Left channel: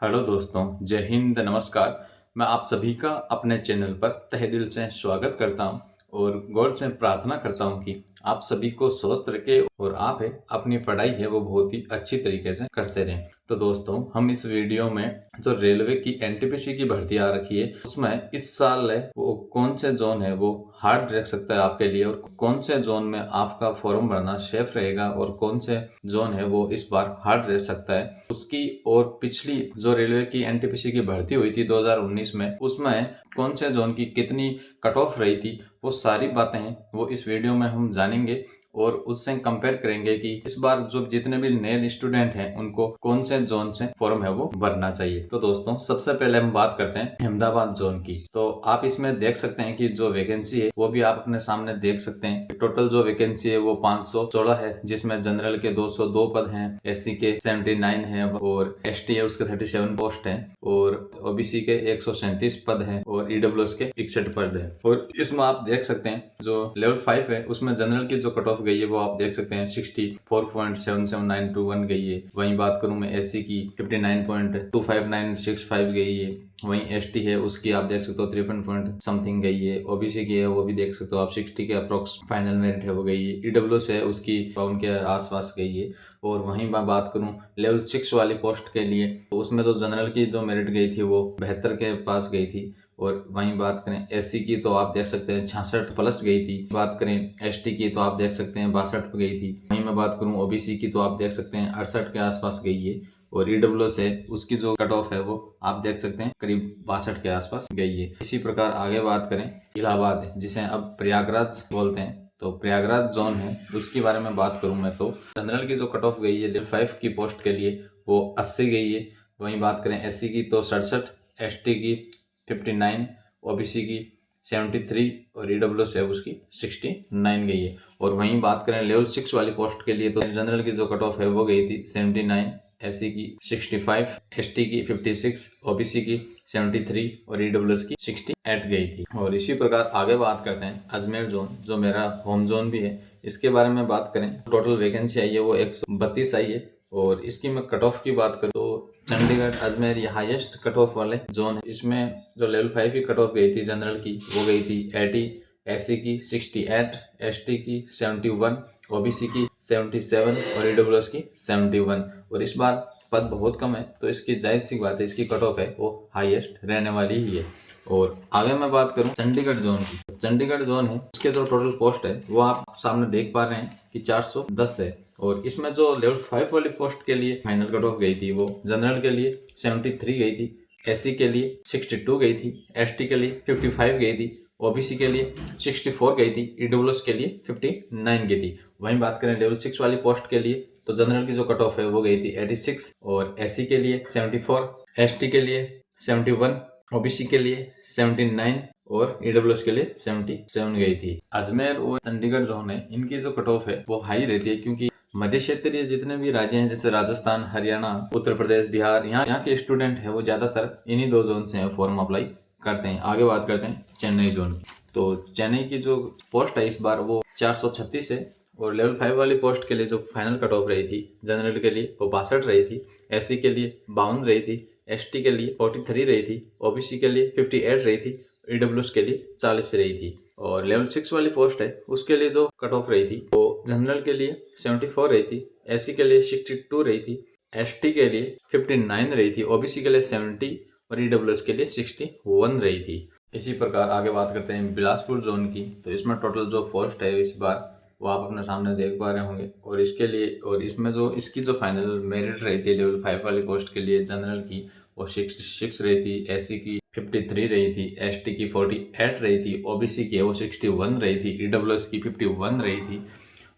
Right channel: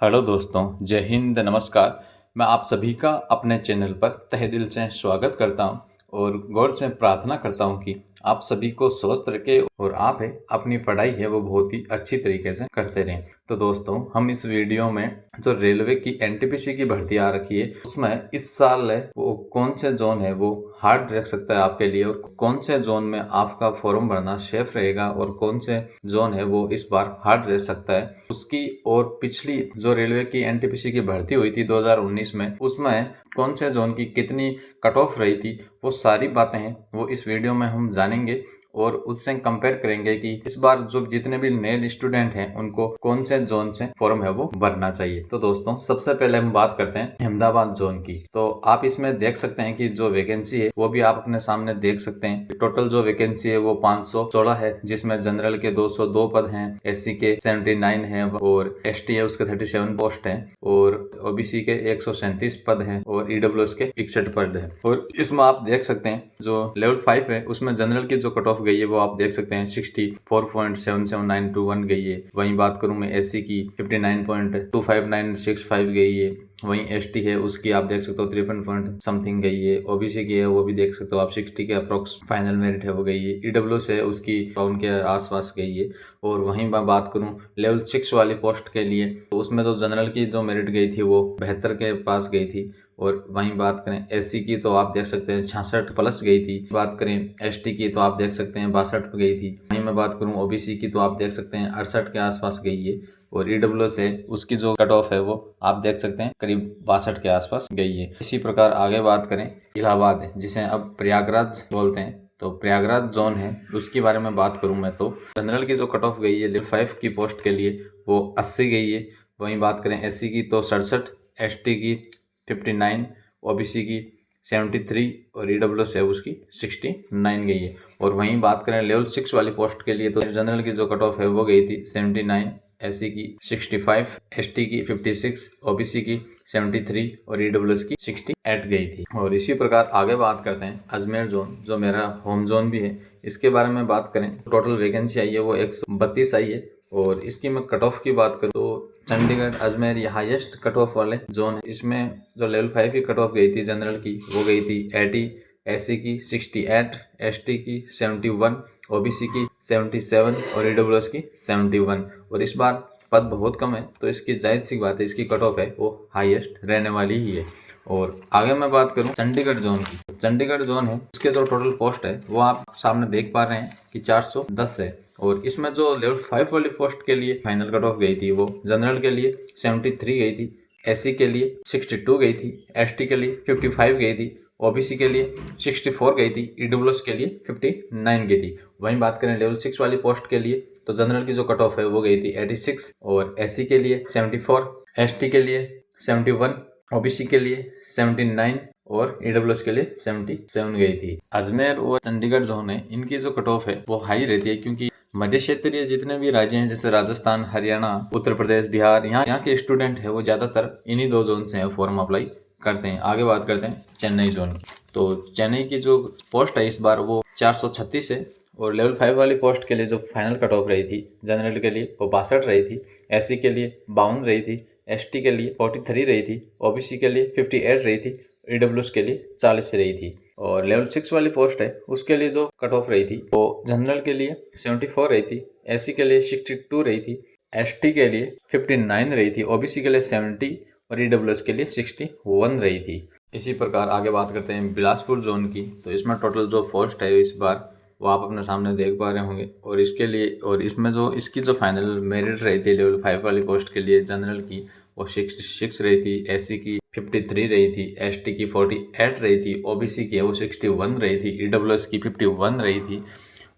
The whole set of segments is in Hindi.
हेलो दोस्तों, जय हिंद, नमस्कार। मैं आप सभी का अपने चैनल पर तहे दिल से स्वागत करता हूं और गौर से प्रार्थना करता हूं कि आप सभी को स्वस्थ रखे और आप है अपनी पढ़ाई है वो बहुत ही अच्छी तरीके से करते रहें। तो दोस्तों, हम इस वीडियो में जो रेलवे की एनटीपीसी की भर्ती आ रखी है उसमें इस साल है वो कौन से जोन है वो हार्ड रख सकता है आपके लिए और कौन से जोन में आपका फॉर्म भरना सेफ रहेगा और कौन से जोन है वो इस बार हार्ड रह सकता है उसकी और पिछली जो रेलवे की एनटीपीसी की भर्ती हुई थी 2019 में उसमें कौन से जोन की कितनी कट ऑफ रही थी वो सारी बातें हैं वो इस वीडियो में हम जानेंगे और उससे कंपेयर करेंगे कि इस बार जो जितने भी नए स्टूडेंट हैं उनको कौन से जोन से फॉर्म है वो भरना चाहिए। तो दोस्तों, सबसे पहले हम बात करते हैं अहमदाबाद जोन की। तो आप इसमें देख सकते हैं कि जो वैकेंसी है वो भी आप अपने सामने देख सकते हैं। टोटल जो वैकेंसी है वो 516 है, जिसमें जनरल के 202 पद हैं, एससी के 79 हैं और एसटी है उसके 37 पोस्ट हैं और ओबीसी के 137 पद हैं और ईडब्ल्यूएस के 61 पद हैं। और इसमें आप देख सकते हैं जो लेवल 5 है उसमें जनरल की जो कट ऑफ गई है वो आप देख सकते हैं 64.77921 गई है। वहीं बात करूं मैं एससी की 59.25965 गई है। वहीं एसटी है उसकी आप देख सकते हो 53 पॉइंट समथिंग गई है। ओबीसी की है वो भी देख सकते हो आप 60 के अप्रोक्स फाइनल मेरिट है वो गई है। ईडब्ल्यूएस है उसकी उनके आसपास गई है। और वहीं मैं बात करूं लेवल 6 वाली पोस्ट के लिए तो उसमें तो जनरल की जो मेरिट गई थी वो 72 के पास गई थी। और वहीं बात करें एससी की तो आप देख सकते हैं 66 प्लस गई थी। बात करें एसटी की तो आप देख सकते हैं 62 पे गई थी। वहीं मैं बात करूं ओबीसी की तो आप देख सकते हैं 68 के आसपास गई है। और ईडब्ल्यूएस है उसकी जो कट ऑफ है वो आप देख सकते हैं करीब 62 के आसपास गई है। इसी प्रकार आगे बात करें इलाहाबाद है जिसे अब प्रयागराज बोलते हैं। तो प्रयागराज जोन है उसके बारे में बात करूं मैं तो जनरल की जो कट ऑफ गई है लेवल 5 की पोस्ट के लिए वो 80 गई है। वहीं बात करें एससी की तो 67, एसटी की 59, ओबीसी की 73 और ईडब्ल्यूएस है उसकी 69 गई है। और वहीं बात करें लेवल 6 वाली पोस्ट के लिए तो जनरल की जो कट ऑफ है वो गई थी 79, एससी की 65, एसटी की 56, ओबीसी की 73 और ईडब्ल्यूएस की 68 गई थी। और इसी प्रकार आगे बात करते हैं अजमेर जोन जो मेरा होम जोन भी है। इसके बारे में बात करें टोटल वैकेंसी आई है वो 132 आई है। और इसकी मैं कट ऑफ की बात करूँ तो चंडीगढ़ अजमेर ये हाईएस्ट कट ऑफ वाले जोन है। इसमें जो लेवल 5 की कट ऑफ गई थी जनरल की वो गई थी 80, एससी की 68, एसटी की 71, ओबीसी की 77 और ईडब्ल्यूएस की 71। और इस बार पद बहुत कम है तो इसकी जायज सी बात है इसकी कट ऑफ है वो हाईएस्ट रहने वाली ही है। और आगे मैं बात करूं चंडीगढ़ जोन की। चंडीगढ़ जोन है उसके जो टोटल पोस्ट है वो आप सामने देख पा रहे हैं कि 410 है। और इसमें जो लेवल 5 वाली पोस्ट के लिए फाइनल कट ऑफ गई थी वो जनरल के लिए 73 गई थी, एससी के लिए 62 गई थी, एसटी के लिए 55 गई थी, ओबीसी के लिए 64 गई थी, ईडब्ल्यूएस के लिए 59 गई थी। वहीं बात करें लेवल 6 वाली पोस्ट के लिए तो जनरल की जो कट ऑफ है वो गई थी 86 और एससी के लिए 74, एसटी के लिए 71, ओबीसी के लिए 79 और ईडब्ल्यूएस के लिए 77 गई थी। अजमेर और चंडीगढ़ जोन है इनकी जो कट ऑफ है वो हाई रहती है क्योंकि मध्य क्षेत्रीय जितने भी राज्य हैं जैसे राजस्थान, हरियाणा, उत्तर प्रदेश, बिहार, यहाँ के स्टूडेंट है वो ज्यादातर इन्हीं दो जोन से फॉर्म अप्लाई करते हैं। आगे बात करते हैं चेन्नई जोन की। तो चेन्नई की जो पोस्ट है इस बार वो 436 है। और लेवल 5 वाली पोस्ट के लिए जो फाइनल कट ऑफ रही थी जनरल के लिए वो 62 रही थी, एससी के लिए 52 रही थी, एसटी के लिए 43 रही थी, ओबीसी के लिए 58 रही थी, ईडब्ल्यूएस के लिए 40 रही थी। और लेवल 6 वाली पोस्ट है उसके लिए जो कट ऑफ रही थी वो जनरल के लिए 74 रही थी, एससी के लिए 62 रही थी, एसटी के लिए 59 रही थी, ओबीसी के लिए 70 और ईडब्ल्यूएस के लिए 61 रही थी। इसी प्रकार आगे बात करते हैं बिलासपुर जोन की। तो इसमें टोटल जो पोस्ट है इस बार वो आप अपने सामने देख पा रहे होंगे। और इसके लिए और इसमें जो इसकी जो फाइनल मेरिट रही थी लेवल 5 वाली पोस्ट के लिए जनरल की वो 66 रही थी, एससी की 53 रही थी, एसटी की 48 रही थी, ओबीसी की वो 61 रही थी, ईडब्ल्यूएस की 51 रही थी।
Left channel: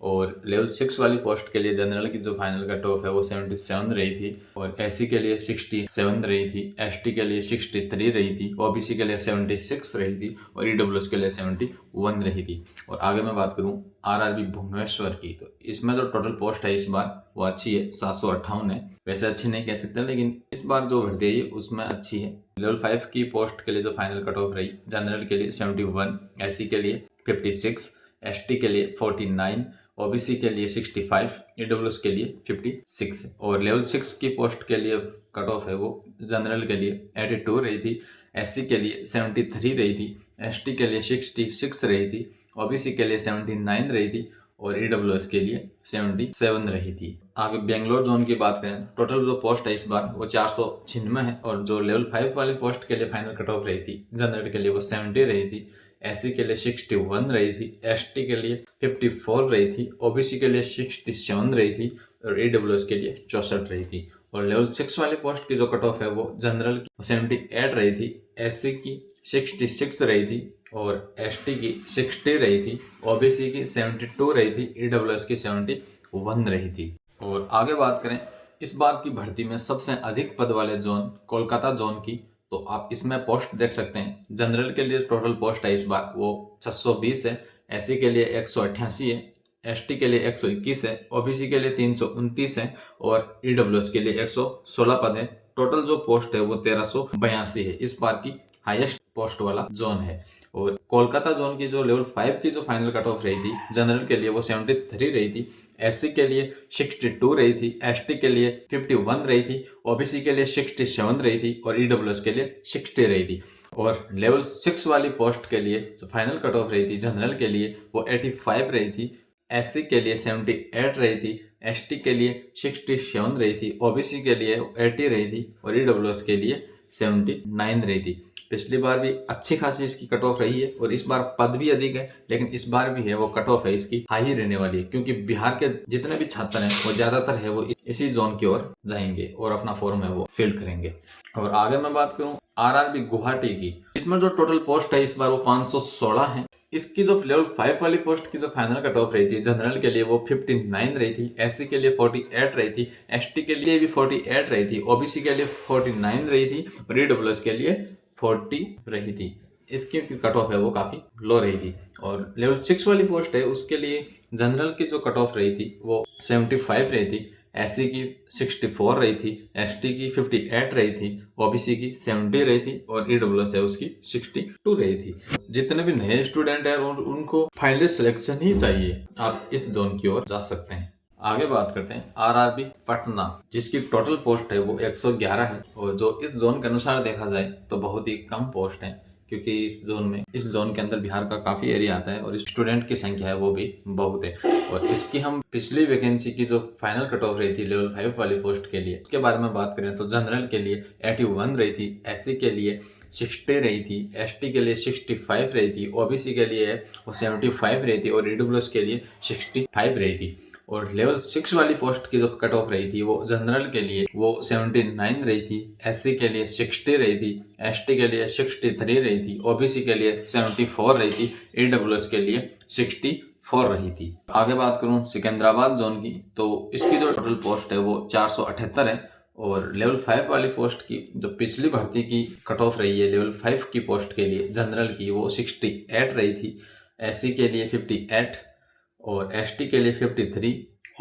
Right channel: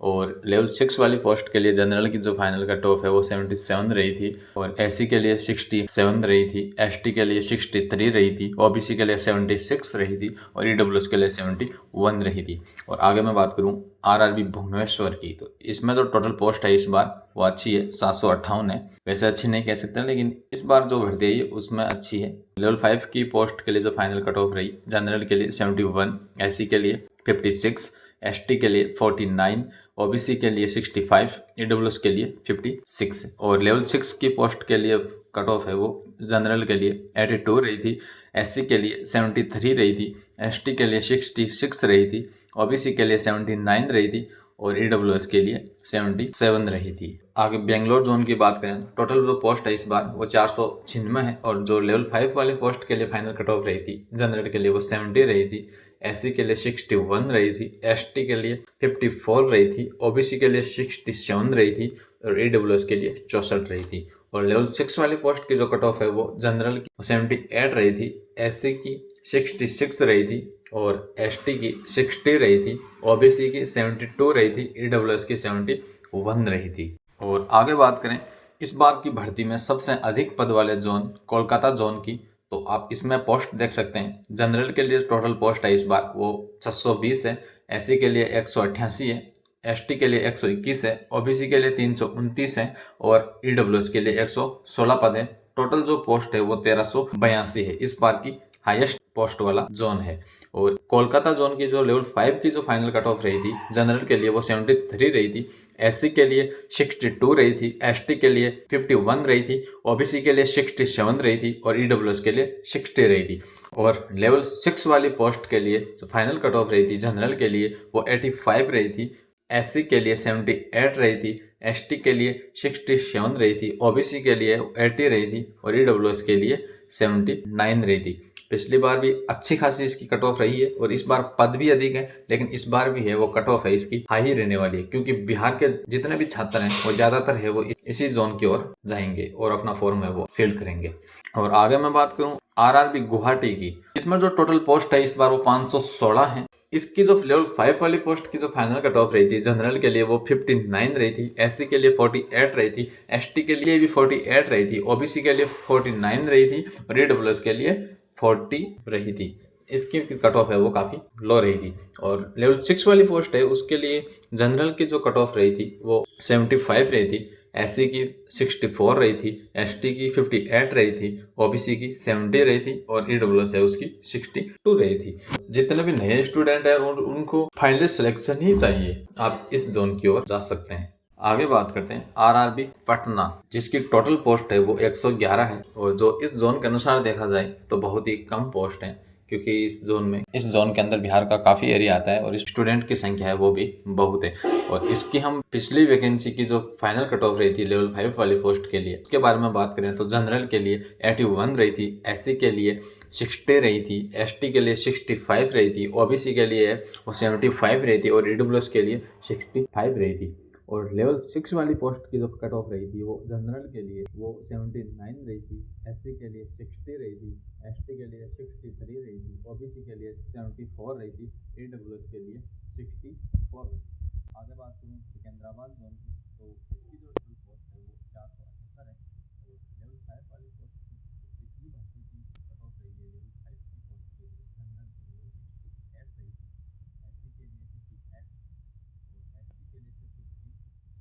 और लेवल 6 वाली पोस्ट के लिए जनरल की जो फाइनल कट ऑफ है वो 77 रही थी और एससी के लिए 67 रही थी, एसटी के लिए 63 रही थी, ओबीसी के लिए 76 रही थी और ईडब्ल्यूएस के लिए 71 रही थी। और आगे मैं बात करूं आरआरबी भुवनेश्वर की। तो इसमें जो टोटल पोस्ट है इस बार वो अच्छी है, 758 है। वैसे अच्छी नहीं कह सकते लेकिन इस बार जो भर्ती है उसमें अच्छी है। लेवल 5 की पोस्ट के लिए जो फाइनल कट ऑफ रही जनरल के लिए 71, एससी के लिए 56, एसटी के लिए 49, ओबीसी के लिए 65, ईडब्ल्यूएस के लिए 56 है। और लेवल 6 की पोस्ट के लिए कट ऑफ है वो जनरल के लिए 82 रही थी, SC के लिए 73 रही थी, ST के लिए 66 रही थी, OBC के लिए 79 रही थी और EWS के लिए 77 रही थी। आगे बेंगलोर जोन की बात करें तो टोटल जो पोस्ट है इस बार वो 496 है और जो लेवल 5 वाली पोस्ट के लिए फाइनल कट ऑफ रही थी जनरल के लिए वो 70 रही थी, SC के लिए 61 रही थी, ST के लिए 54 रही थी, OBC के लिए 67 रही थी और EWS के लिए 64 रही थी। और लेवल 6 वाली पोस्ट की जो कट ऑफ है वो जनरल की 78 रही थी, SC की 66 रही थी और ST की 60 रही थी, OBC की 72 रही थी, EWS की 71 रही थी। और आगे बात करें इस बार की भर्ती में सबसे अधिक पद वाले जोन कोलकाता जोन की, तो आप इसमें पोस्ट देख सकते हैं। जनरल के लिए टोटल पोस्ट है इस बार वो 620 है, SC के लिए 188 है, ST के लिए 121 है, OBC के लिए 329 है और EWS के लिए 116 पद है। टोटल जो पोस्ट है वो 1382 है, इस बार की हाईएस्ट पोस्ट वाला जोन है। और कोलकाता जोन की जो लेवल 5 की जो फाइनल कट ऑफ रही थी जनरल के लिए वो 73 रही थी, SC के लिए 62 रही थी, ST के लिए 51 रही थी, OBC के लिए 67 रही थी और EWS के लिए 60 रही थी। और लेवल 6 वाली पोस्ट के लिए जो फाइनल कट ऑफ रही थी जनरल के लिए वो 85 रही थी, SC के लिए 78 रही थी, ST के लिए 67 रही थी, OBC के लिए 80 रही थी और EWS के लिए 79 रही थी। पिछली बार भी अच्छी खासी इसकी कट ऑफ रही है और इस बार पद भी अधिक है, लेकिन इस बार भी है वो कट ऑफ है इसकी हाई ही रहने वाली है, क्योंकि बिहार के जितने भी छात्र हैं वो ज्यादातर है वो इसी जोन की ओर जाएंगे और अपना फॉर्म है वो फिल करेंगे। और आगे मैं बात करूं RRB गुवाहाटी की, इसमें जो टोटल पोस्ट है इस बार वो 516 है। इसकी जो लेवल 5 वाली पोस्ट की जो फाइनल कट ऑफ रही थी जनरल के लिए वो 59 रही थी, SC के लिए 48 रही थी, ST के लिए भी 48 रही थी, OBC के लिए 49 रही थी और EWS के लिए 40 रही थी। इसकी कट ऑफ है वो काफ़ी लो रही थी। और लेवल 6 वाली पोस्ट है उसके लिए जनरल की जो कट ऑफ रही थी वो 75 रही थी, SC की 64 रही थी, ST की 58 रही थी, OBC की 70 रही थी और EWS है उसकी 62 रही थी। जितने भी नए स्टूडेंट हैं उनको फाइनली सिलेक्शन ही चाहिए, आप इस जोन की ओर जा सकते हैं। आगे बात करते हैं RRB पटना, जिसकी टोटल पोस्ट है वो 111 है और जो इस जोन के अनुसार देखा जाए तो बहुत ही कम पोस्ट है, क्योंकि इस जोन के अंदर बिहार का काफ़ी एरिया आता है और स्टूडेंट की संख्या है वो भी बहुत है। और इसकी हम पिछली वैकेंसी की जो फाइनल कट ऑफ रही थी लेवल 5 वाली पोस्ट के लिए उसके बारे में बात करें तो जनरल के लिए 81 रही थी, SC के लिए 60 रही थी, ST के लिए 65 रही थी, OBC के लिए वो 75 रही थी और EWS के लिए 65 रही थी। और लेवल 6 वाली पोस्ट की जो कट ऑफ रही थी वो जनरल के लिए वो 79 रही थी, SC के लिए 60 रही थी, ST के लिए 63 रही थी, OBC के लिए 74 रही थी, EWS के लिए 64 रही थी। आगे बात करूं सिकंदराबाद जोन की, तो इसकी जो टोटल पोस्ट है वो 478 है। और लेवल 5 वाली पोस्ट की जो पिछली भर्ती की कट ऑफ रही है लेवल 5 की पोस्ट के लिए जनरल की वो 68 रही थी, SC के लिए 58 और ST के लिए 53,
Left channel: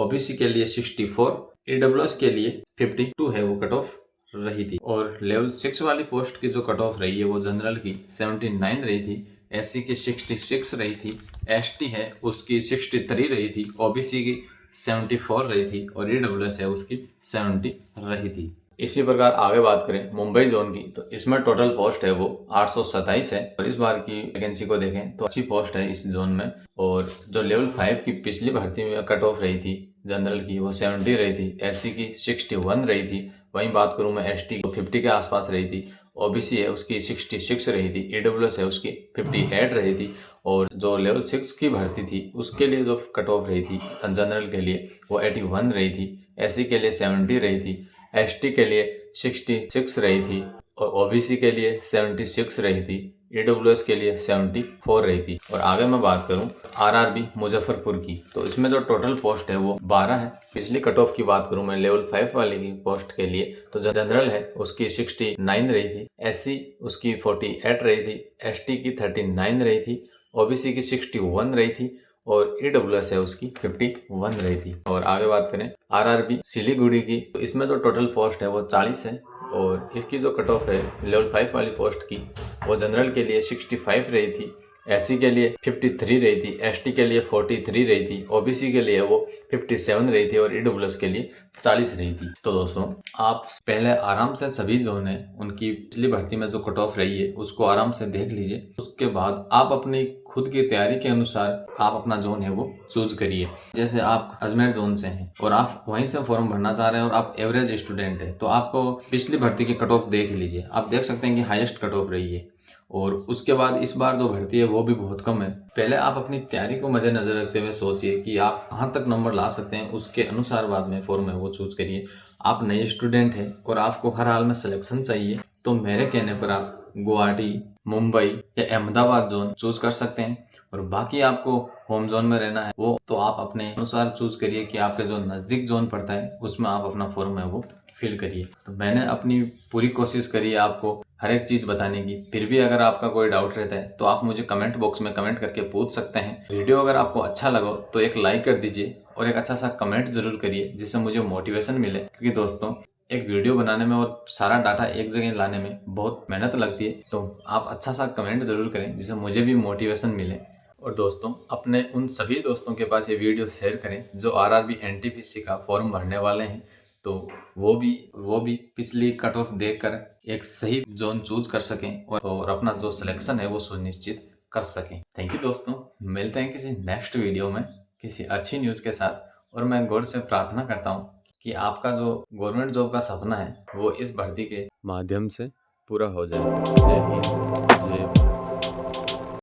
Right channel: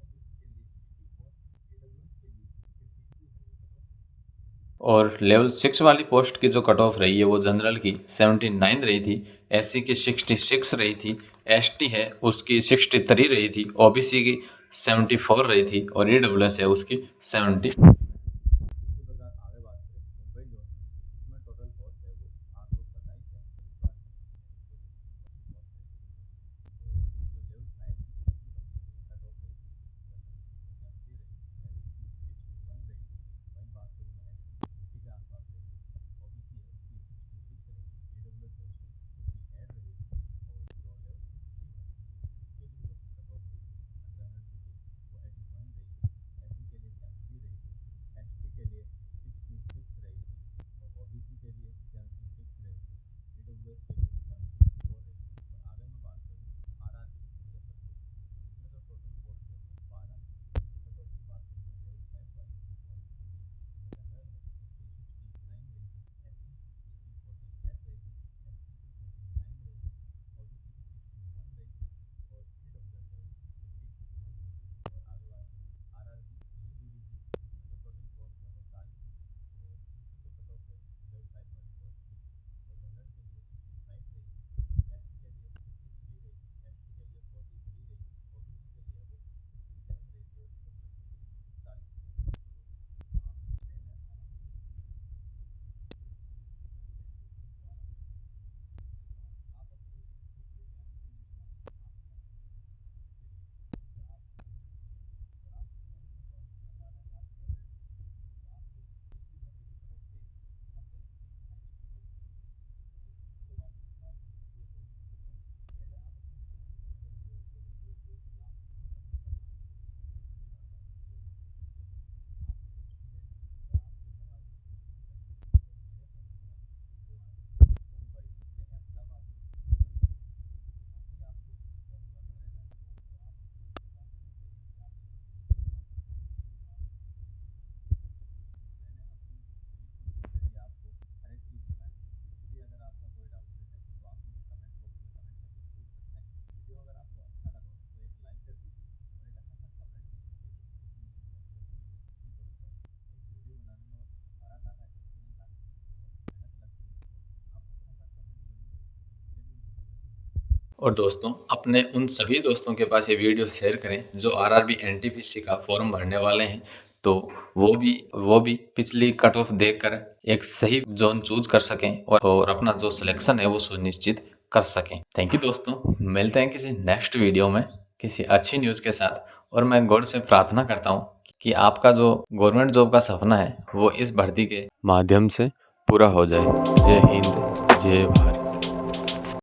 OBC के लिए 64, EWS के लिए 52 है वो कट ऑफ रही थी। और लेवल 6 वाली पोस्ट की जो कट ऑफ रही है वो जनरल की 79 रही थी, SC की 66 रही थी, ST है उसकी 63 रही थी, OBC की 74 रही थी और EWS है उसकी 70 रही थी। इसी प्रकार आगे बात करें मुंबई जोन की, तो इसमें टोटल पोस्ट है वो 827 है और इस बार की वैकेंसी को देखें तो अच्छी पोस्ट है इस जोन में। और जो लेवल 5 की पिछली भर्ती में कट ऑफ रही थी जनरल की वो 70 रही थी, SC की 61 रही थी, वहीं बात करूं मैं ST को 50 के आसपास रही थी, OBC है उसकी 66 रही थी, EWS है उसकी 58 रही थी। और जो लेवल 6 की भर्ती थी उसके लिए जो कट ऑफ रही थी जनरल के लिए वो 81 रही थी, SC के लिए 70 रही थी, ST के लिए 66 रही थी और OBC के लिए 76 रही थी, EWS के लिए 74 रही थी। और आगे मैं बात करूं RRB मुजफ्फरपुर की, तो इसमें जो टोटल पोस्ट है वो 12 है। पिछली कट ऑफ की बात करूं मैं लेवल 5 वाले की पोस्ट के लिए तो जनरल है उसकी 69 रही थी, SC उसकी 48 रही थी, ST की 39 रही थी, OBC की 61 रही थी और EWS है उसकी 51 रही थी। और आगे बात करें RRB सिलीगुड़ी की, तो इसमें जो टोटल पोस्ट है वो 40 है और इसकी जो कट ऑफ है लेवल 5 वाली पोस्ट की वो जनरल के लिए 65 रही थी, SC के लिए 53 रही थी, ST के लिए 43 रही थी, OBC के लिए वो 57 रही थी और ईडब्ल्यूएस के लिए 40 रही थी। तो दोस्तों आप पहले आराम से सभी जोन है उनकी पिछली भर्ती में जो कट ऑफ रही है उसको आराम से देख लीजिए। उसके बाद आप अपनी खुद की तैयारी के अनुसार आप अपना जोन है वो चूज करिए। जैसे आप अजमेर जोन से हैं और आप वहीं से फॉर्म भरना चाह रहे हैं और आप एवरेज स्टूडेंट है, तो आपको पिछली भर्ती की कट ऑफ देख लीजिए। आप देख सकते हैं कि हाईएस्ट कट ऑफ रही है और उसके बाद इस बार जो भर्ती है वो भी बहुत कम है। पहले आप अपनी तैयारी को मद्देनजर रखते हुए सोचिए कि आप कहाँ तक नंबर ला सकते हैं, उसके अनुसार बाद में फॉर्म है वो चूज करिए। आप नए स्टूडेंट हैं और आपको हर हाल में सिलेक्शन चाहिए, तो मेरे कहने पर आप गुवाहाटी, मुंबई या अहमदाबाद जोन चूज कर सकते हैं। और बाकी आपको होम जोन में रहना है वो तो आप अपने अनुसार चूज करिए कि आपके जो नज़दीक जोन पड़ता है उसमें आप अपना फॉर्म है वो फिल करिए। तो मैंने अपनी पूरी कोशिश करी है आपको हर एक चीज़ बताने की। फिर भी अगर आपका कोई डाउट रहता है तो आप मुझे कमेंट बॉक्स में कमेंट करके पूछ सकते हैं। वीडियो अगर आपको अच्छा लगा तो एक लाइक कर दीजिए और एक अच्छा सा कमेंट जरूर करिए जिससे मुझे मोटिवेशन मिले, क्योंकि दोस्तों एक वीडियो बनाने में और सारा डाटा एक जगह लाने में बहुत मेहनत लगती है। तो आप अच्छा सा कमेंट जरूर करें जिससे मुझे भी मोटिवेशन मिले। और दोस्तों अपने उन सभी दोस्तों के पास ये वीडियो शेयर करें जो आरआरबी एनटीपीसी का फॉर्म भरने वाले हैं, तो वो भी पिछली कट ऑफ देखकर एक सही जोन चूज कर सकें और अपना जो सिलेक्शन है वो सुनिश्चित कर सकें। थैंक यू दोस्तों, मिलते हैं किसी नेक्स्ट वीडियो में किसी अच्छी न्यूज़ के साथ। और मैं गॉड से प्रार्थना करता हूँ कि आपका जो गवर्नमेंट जॉब का सपना है वो इस भर्ती के माध्यम से पूरा हो जाए। जय हिंद, जय भारत।